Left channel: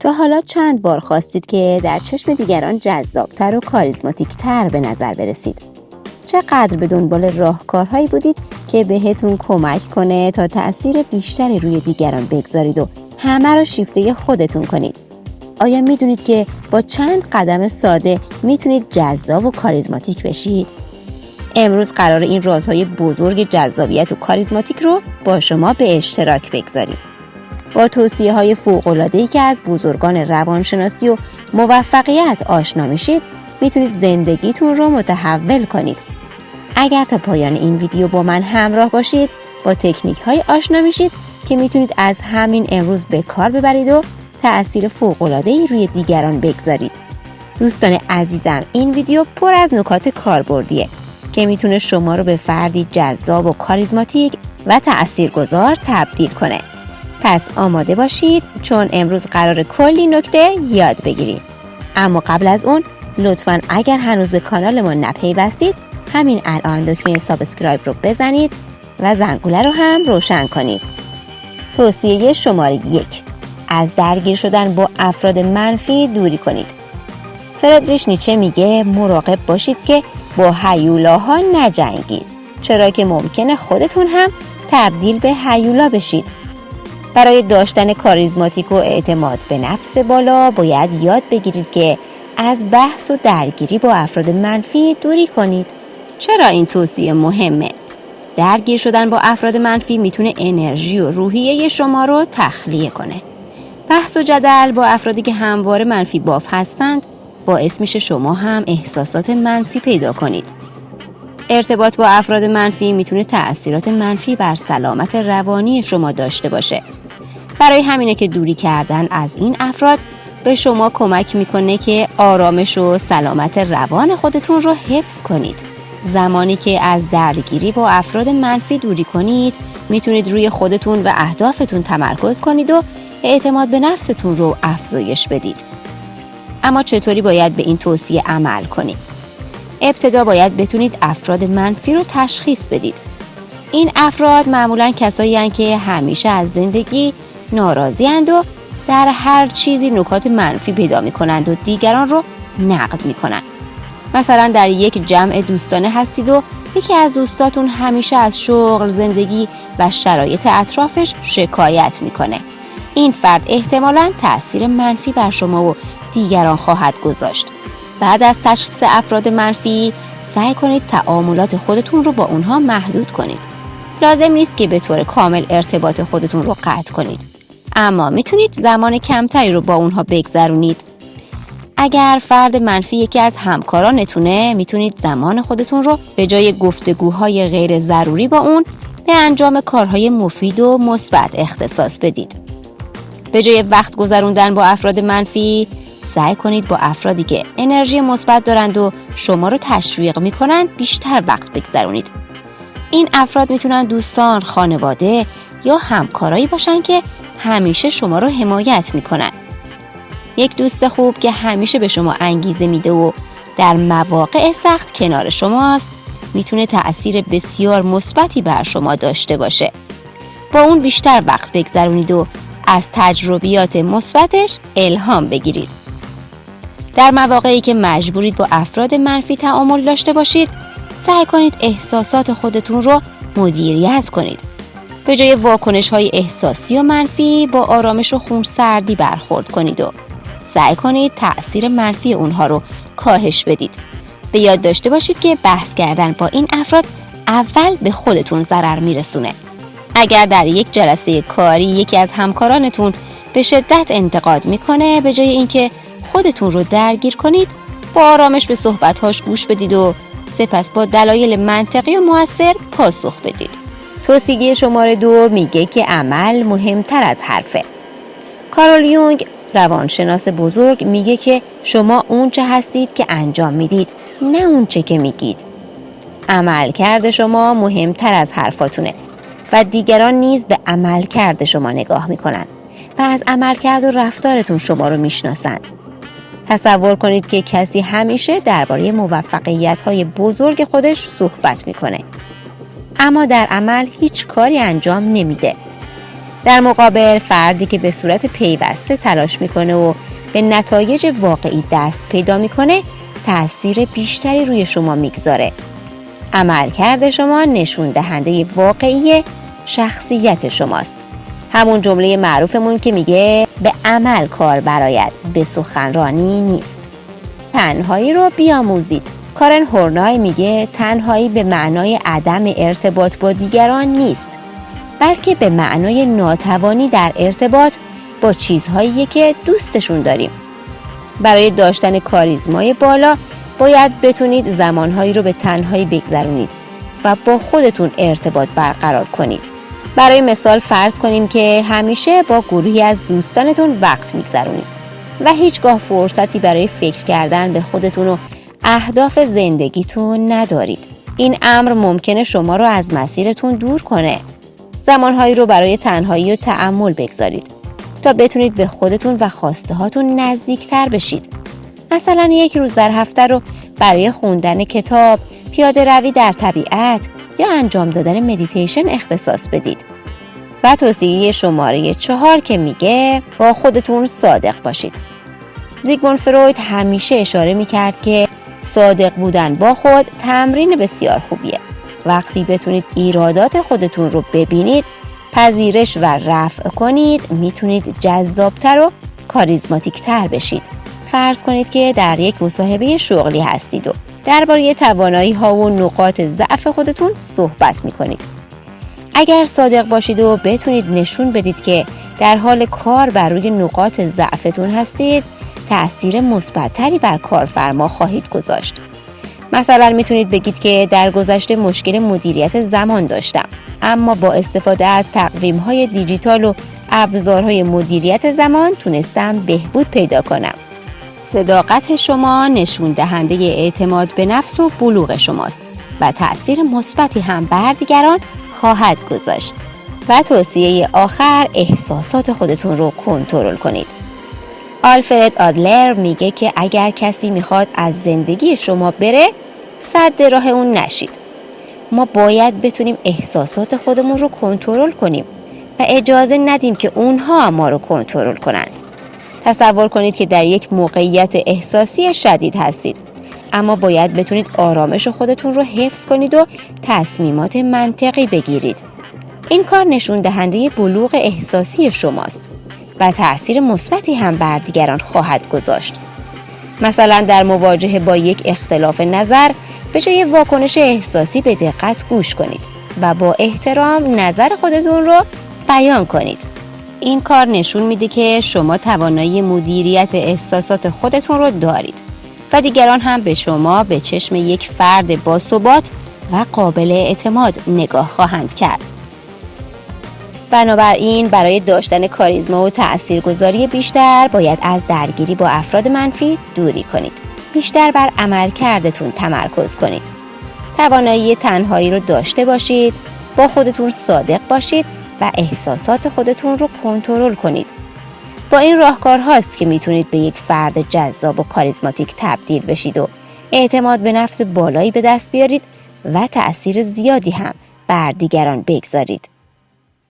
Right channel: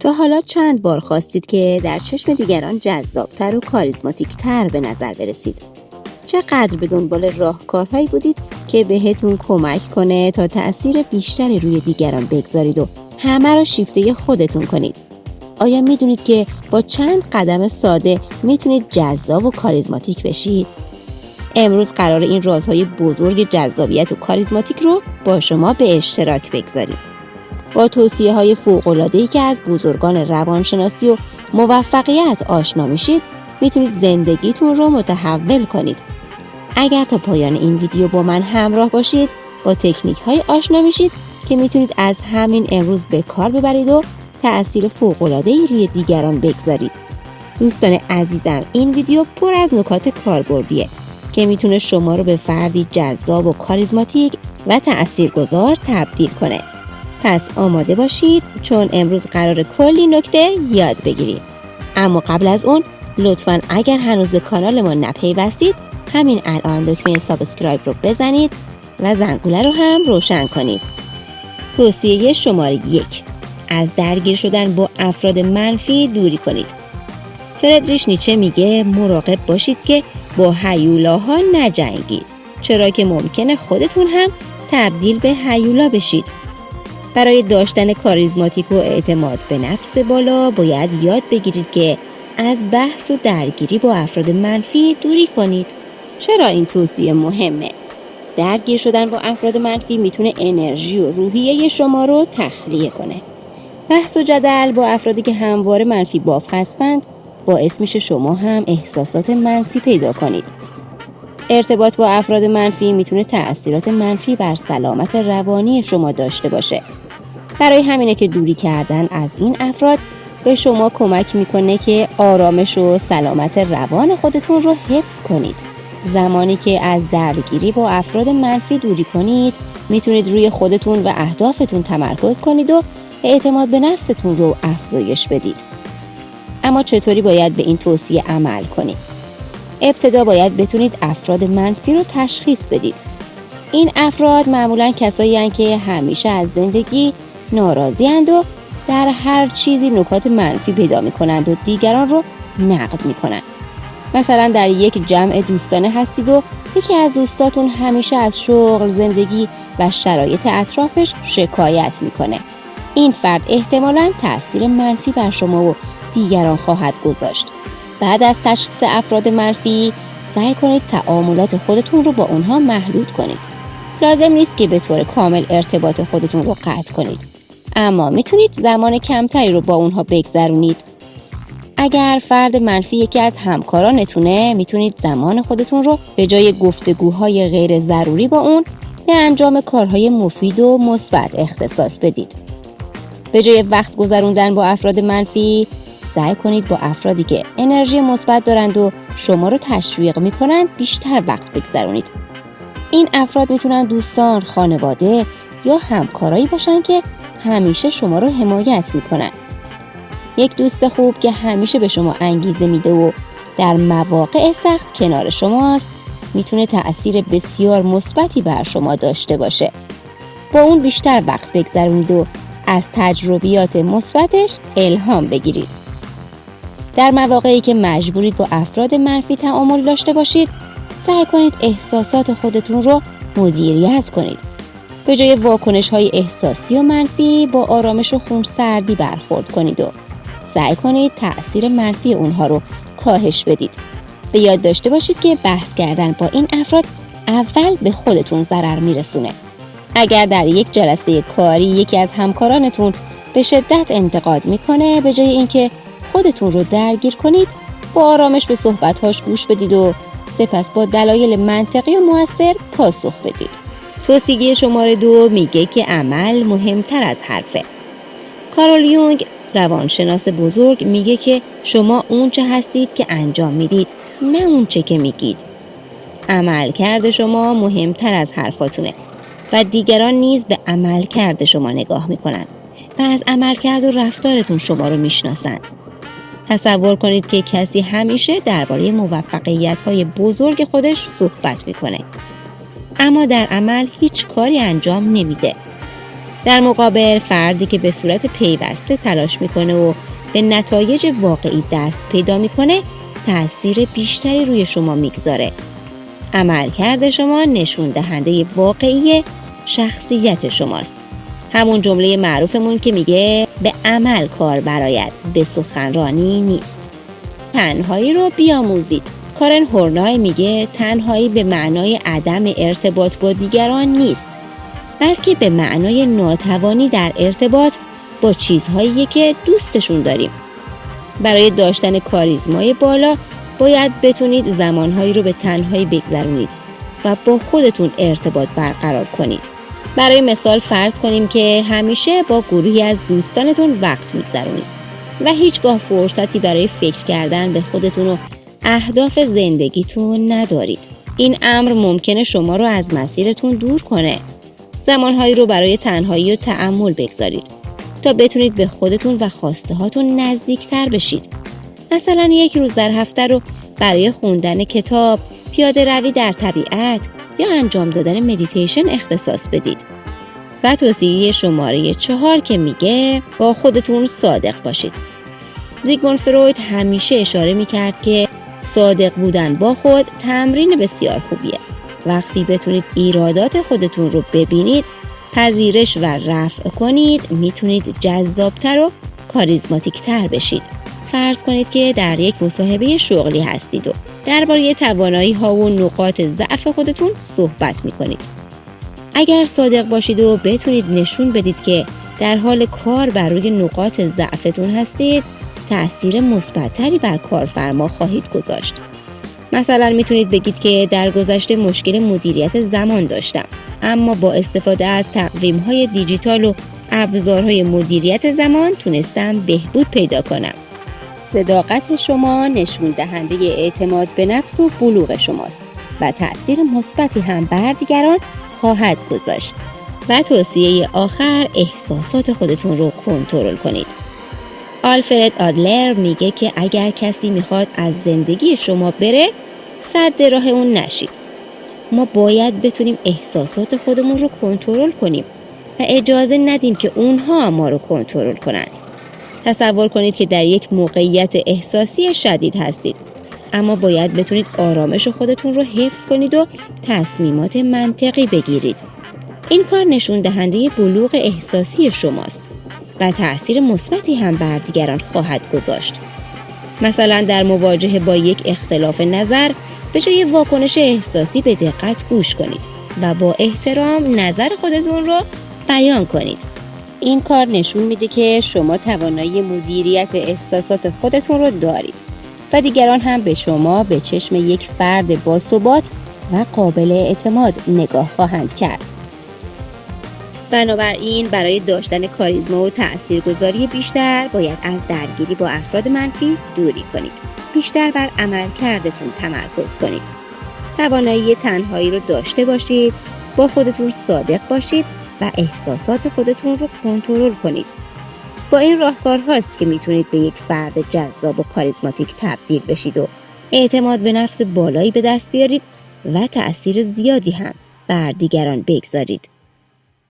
تا حالا چند بار خواستید که در چشم دیگران جذابتر و کاریزماتیکتر به نظر برسید؟ چقدر به دنبال راهکارهایی بودید که بهتون کمک کنه تا تأثیر بیشتری روی دیگران بگذارید و همه رو شیفته خودتون کنید؟ آیا میدونید که با چند قدم ساده میتونید جذاب و کاریزماتیک بشید؟ امروز قرار این رازهای بزرگ جذابیت و کاریزماتیک رو با شما به اشتراک بگذاریم. با توصیه‌های فوق‌العاده‌ای که از بزرگان روانشناسی و موفقیت آشنا میشید، میتونید زندگیتون رو متحول کنید. اگر تا پایان این ویدیو با من همراه باشید، با تکنیک‌های آشنا میشید که میتونید از همین امروز به کار ببرید و تأثیر فوق‌العاده‌ای روی دیگران بگذارید. دوستان عزیزم، این ویدیو پر از نکات کاربردیه که میتونه شما رو به فردی جذاب و کاریزماتیک و تأثیرگذار تبدیل کنه. پس آماده باشید، چون امروز قرار کلی نکته یاد بگیریم. اما قبل از اون لطفاً اگر هنوز به کانال ما نپیوستید، همین الان دکمه سابسکرایب رو بزنید و زنگوله رو هم روشن کنید. توصیه شماره 1: از درگیر شدن با افراد منفی دوری کنید. فردریش نیچه میگه مراقب باشید که با هیولاها نجنگید، چرا که ممکنه خودتون هم تبدیل به هیولا بشید. برای داشتن کاریزماتیک و اعتماد به نفس بالا باید یاد بگیرید که از بحث و درگیری با افراد منفی دوری کنید. چرا این توصیه مهمه؟ درگیر شدن با افراد منفی میتونه انرژی و روحیه شما رو تخلیه کنه. بحث و جدل با افرادی که همواره منفی باف هستند باعث میشه شما هم احساسات منفی پیدا کنید. ارتباط با افراد منفی میتونه تأثیرات منفی بر سلامت روانی شما داشته باشه. برای همینه که دوری کردن از این افراد به شما کمک میکنه که آرامش و سلامت روان خودتون رو حفظ کنید. زمانی که از درگیری با افراد منفی دوری کنید، میتونید روی خودتون و اهدافتون تمرکز کنید و اعتماد به نفستون رو افزایش بدید. اما چطوری باید به این توصیه عمل کنید؟ ابتدا باید بتونید افراد منفی رو تشخیص بدید. این افراد معمولاً کسایی هستند که همیشه از زندگی ناراضی اند و در هر چیزی نکات منفی پیدا می‌کنند و دیگران رو نقد می‌کنند. مثلا در یک جمع دوستانه هستید و یکی از دوستاتون همیشه از شغل، زندگی و شرایط اطرافش شکایت می‌کنه. این فرد احتمالاً تأثیر منفی بر شما و دیگران خواهد گذاشت. بعد از تشخیص افراد منفی، سعی کنید تعاملات خودتون رو با اونها محدود کنید. لازم نیست که به طور کامل ارتباط خودتون رو قطع کنید، اما میتونید زمان کمتری رو با اونها بگذرونید. اگر فرد منفی یکی از همکارانتونه، میتونید زمان خودتون رو به جای گفتگوهای غیر ضروری با اون به انجام کارهای مفید و مثبت اختصاص بدید. به جای وقت گذروندن با افراد منفی، سعی کنید با افرادی که انرژی مثبت دارند و شما رو تشویق میکنند بیشتر وقت بگذرونید. این افراد میتونن دوستان، خانواده یا همکارایی باشن که همیشه شما رو حمایت میکنن. یک دوست خوب که همیشه به شما انگیزه میده و در مواقع سخت کنار شماست، میتونه تأثیر بسیار مثبتی بر شما داشته باشه. با اون بیشتر وقت بگذرونید و از تجربیات مثبتش الهام بگیرید. در مواقعی که مجبورید با افراد منفی تعامل داشته باشید، سعی کنید احساسات خودتون رو مدیریت کنید. به جای واکنش‌های احساسی و منفی، با آرامش و خونسردی برخورد کنید و سعی کنید تأثیر منفی اونها رو کاهش بدید. به یاد داشته باشید که بحث کردن با این افراد اول به خودتون ضرر میرسونه. اگر در یک جلسه کاری یکی از همکارانتون به شدت انتقاد میکنه، به جای اینکه خودتون رو درگیر کنید، با آرامش به صحبت‌هاش گوش بدید و سپس با دلایل منطقی و مؤثر پاسخ بدید. توصیه شماره 2 میگه که عمل مهمتر از حرفه. کارل یونگ، روانشناس بزرگ، میگه که شما اون چه هستید که انجام میدید، نه اون چه که میگید. عملکرد شما مهمتر از حرفاتونه و دیگران نیز به عملکرد شما نگاه میکنن و از عملکرد و رفتارتون شما رو میشناسند. تصور کنید که کسی همیشه درباره موفقیت‌های بزرگ خودش صحبت میکنه، اما در عمل هیچ کاری انجام نمیده. در مقابل فردی که به صورت پیوسته تلاش میکنه و به نتایج واقعی دست پیدا میکنه تأثیر بیشتری روی شما میگذاره. عملکرد شما نشون دهنده واقعی شخصیت شماست. همون جمله معروفمون که میگه به عمل کار برآید، به سخنرانی نیست. تنهایی رو بیاموزید. کارن هورنای میگه تنهایی به معنای عدم ارتباط با دیگران نیست، بلکه به معنای ناتوانی در ارتباط با چیزهایی که دوستشون داریم. برای داشتن کاریزمای بالا باید بتونید زمانهایی رو به تنهایی بگذرونید و با خودتون ارتباط برقرار کنید. برای مثال فرض کنیم که همیشه با گروهی از دوستانتون وقت میگذرونید و هیچگاه فرصتی برای فکر کردن به خودتون و اهداف زندگیتون ندارید. این امر ممکنه شما رو از مسیرتون دور کنه. زمانهایی رو برای تنهایی و تأمل بگذارید تا بتونید به خودتون و خواسته هاتون نزدیکتر بشید. مثلا یک روز در هفته رو برای خوندن کتاب، پیاده روی در طبیعت یا انجام دادن مدیتیشن اختصاص بدید. و توصیه شماره 4 که میگه با خودتون صادق باشید. زیگموند فروید همیشه اشاره میکرد که صادق بودن با خود تمرین بسیار خوبیه. وقتی بتونید ایرادات خودتون رو ببینید، پذیرش و رفع کنید، میتونید جذابتر و کاریزماتیکتر بشید. فرض کنید که در یک مصاحبه شغلی هستید و درباره توانایی ها و نقاط ضعف خودتون صحبت میکنید. اگر صادق باشید و بتونید نشون بدید که در حال کار بر روی نقاط ضعفتون هستید، تأثیر مثبت‌تری بر کارفرما خواهید گذاشت. مثلا میتونید بگید که در گذشته مشکل مدیریت زمان داشتم، اما با استفاده از تقویم‌های دیجیتال و ابزارهای مدیریت زمان تونستم بهبود پیدا کنم. صداقت شما نشون دهنده اعتماد به نفس و بلوغ شماست و تأثیر مثبتی هم بر دیگران خواهد گذاشت. و توصیه آخر، احساسات خودتون رو کنترل کنید. آلفرد آدلر میگه که اگر کسی میخواد از زندگی شما بره، سد راه اون نشید. ما باید بتونیم احساسات خودمون رو کنترل کنیم و اجازه ندیم که اونها ما رو کنترل کنند. تصور کنید که در یک موقعیت احساسی شدید هستید، اما باید بتونید آرامش خودتون رو حفظ کنید و تصمیمات منطقی بگیرید. این کار نشون دهنده بلوغ احساسی شماست و تأثیر مثبتی هم بر دیگران خواهد گذاشت. مثلا در مواجهه با یک اختلاف نظر، به جای واکنش احساسی به دقت گوش کنید و با احترام نظر خودتون رو بیان کنید. این کار نشون میده که شما توانایی مدیریت احساسات خودتون رو دارید و دیگران هم به شما به چشم یک فرد باثبات و قابل اعتماد نگاه خواهند کرد. بنابراین برای داشتن کاریزما و تاثیرگذاری بیشتر باید از درگیری با افراد منفی دوری کنید. بیشتر بر عملکردتون تمرکز کنید. توانایی تنهایی رو داشته باشید، با خودتون صادق باشید و احساسات خودتون رو کنترل کنید. با این راهکارهاست که میتونید به یک فرد جذاب و کاریزماتیک تبدیل بشید و اعتماد به نفس بالایی به دست بیارید و تأثیر زیادی هم بر دیگران بگذارید.